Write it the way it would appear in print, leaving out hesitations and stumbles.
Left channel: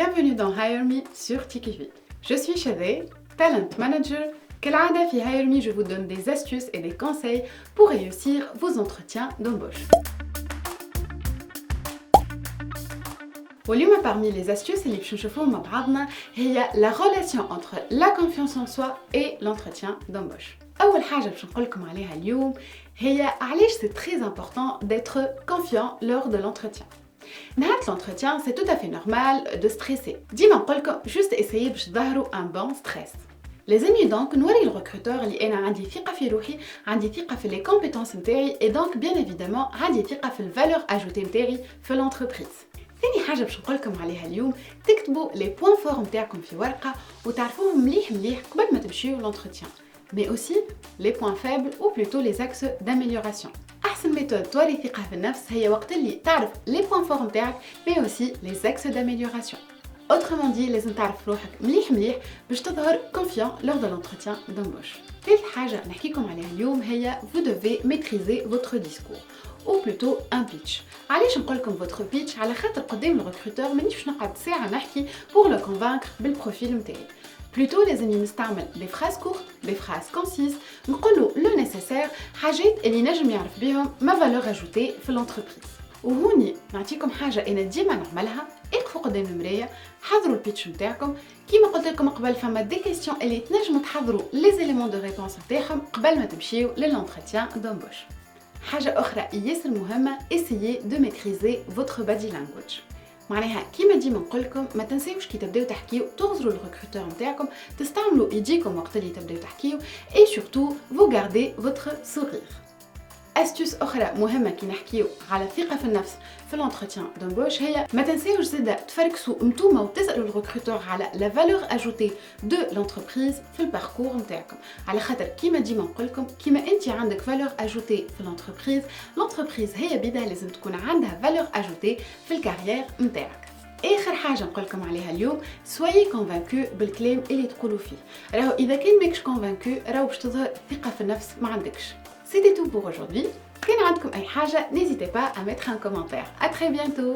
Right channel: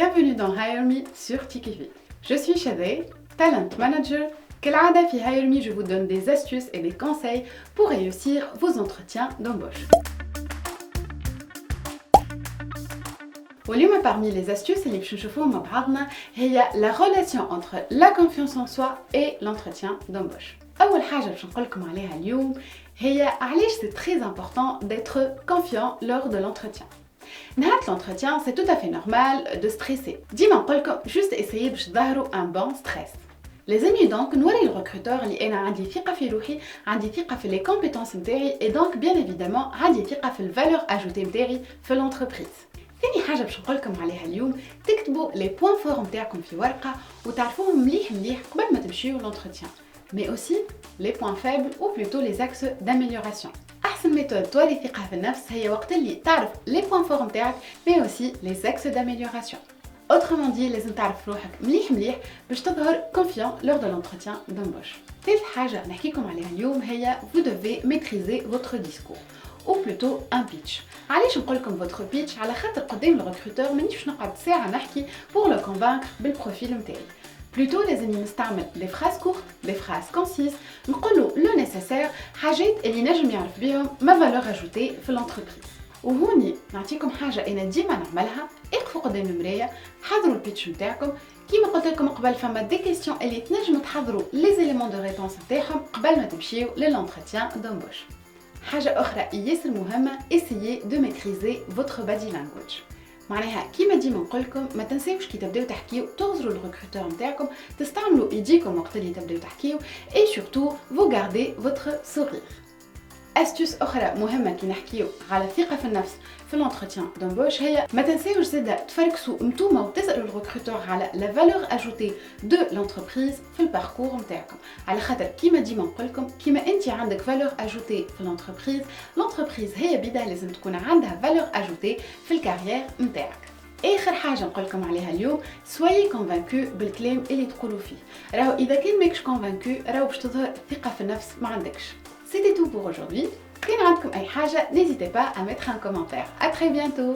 Bienvenue dans Hire Me sur Tikivi. Je suis Shadé, Talent Manager. كالعادة في Hire Me, je vous donne des astuces et des conseils pour réussir vos entretiens d'embauche. واليوم parmi les astuces اللي باش نشوفوهم مع بعضنا هي la relation entre la confiance en soi et l'entretien d'embauche. أول حاجة باش نقولكم عليها اليوم هي علاش c'est très important d'être confiant lors de l'entretien. نهار l'entretien, c'est tout à fait normal de stresser. ديما نقولكم juste essayez باش تظهروا un bon stress. Les amis, donc, نوري الريكروتور اللي أنا عندي ثقة في روحي، عندي ثقة في les compétences نتاعي et donc bien évidemment عندي ثقة في الفالور ajoutée نتاعي في l'entreprise. ثاني حاجة باش نقولكم عليها اليوم تكتبوا les points forts نتاعكم في ورقة وتعرفوهم مليح قبل ما تمشيو l'entretien. Mais aussi les points faibles ou plutôt les axes d'amélioration. أحسن méthode تولي ثقة في النفس هي وقت اللي تعرف les points forts نتاعك mais aussi les axes d'amélioration. Autrement dit, لازم تعرف روحك مليح باش تظهر confiant lors de l'entretien d'embauche. ثالث حاجة نحكيكم عليها اليوم هي vous devez maîtriser votre discours ou plutôt un pitch. علاش نقولكم votre pitch؟ على خاطر قدام الريكروتور مانيش باش نقعد ساعة نحكي pour le convaincre بالبروفيل نتاعي. Plutôt لازم نستعمل les phrases courtes, les phrases concises, نقولوا le nécessaire، حاجات اللي نجم يعرف بيهم ما valeur ajoutée في l'entreprise. وهوني نعطيكم حاجة أنا ديما نعملها، اقفوا قدام المراية، حضروا البيتش نتاعكم، كيما قلت لكم قبل فما دي كيسيون اللي تنجموا تحضروا les éléments de réponse نتاعهم قبل ما تمشيو للانتروتيان d'embauche. حاجة أخرى ياسر مهمة، essayez de maîtriser votre body language. معناها كيما ديما نقولكم ما تنساوش كي تبداو تحكيو تغزروا الريكروتور نتاعكم، تستعملوا ايديكم وقت اللي تبداو تحكيو et surtout vous gardez votre sourire. astuce أخرى مهمة كي نحكيو على الثقة في النفس في l'entretien d'embauche هي ما تنساوش زادا تفركسوا نتوما وتسألوا الريكروتور على la valeur ajoutée de l'entreprise في الباركور نتاعكم، على خاطر كيما ديما نقولكم كيما انت عندك valeur ajoutée في l'entreprise هي بدا لازم تكون عندها valeur ajoutée في الكارير نتاعك. اخر حاجه نقولكم عليها اليوم soyez convaincus بالكلام اللي تقولوا فيه، راهو اذا كان ماكش convaincu راهو باش تظهر ثقه في النفس ما عندكش. C'était tout pour aujourd'hui. Si vous avez des questions, n'hésitez pas à mettre un commentaire. À très bientôt.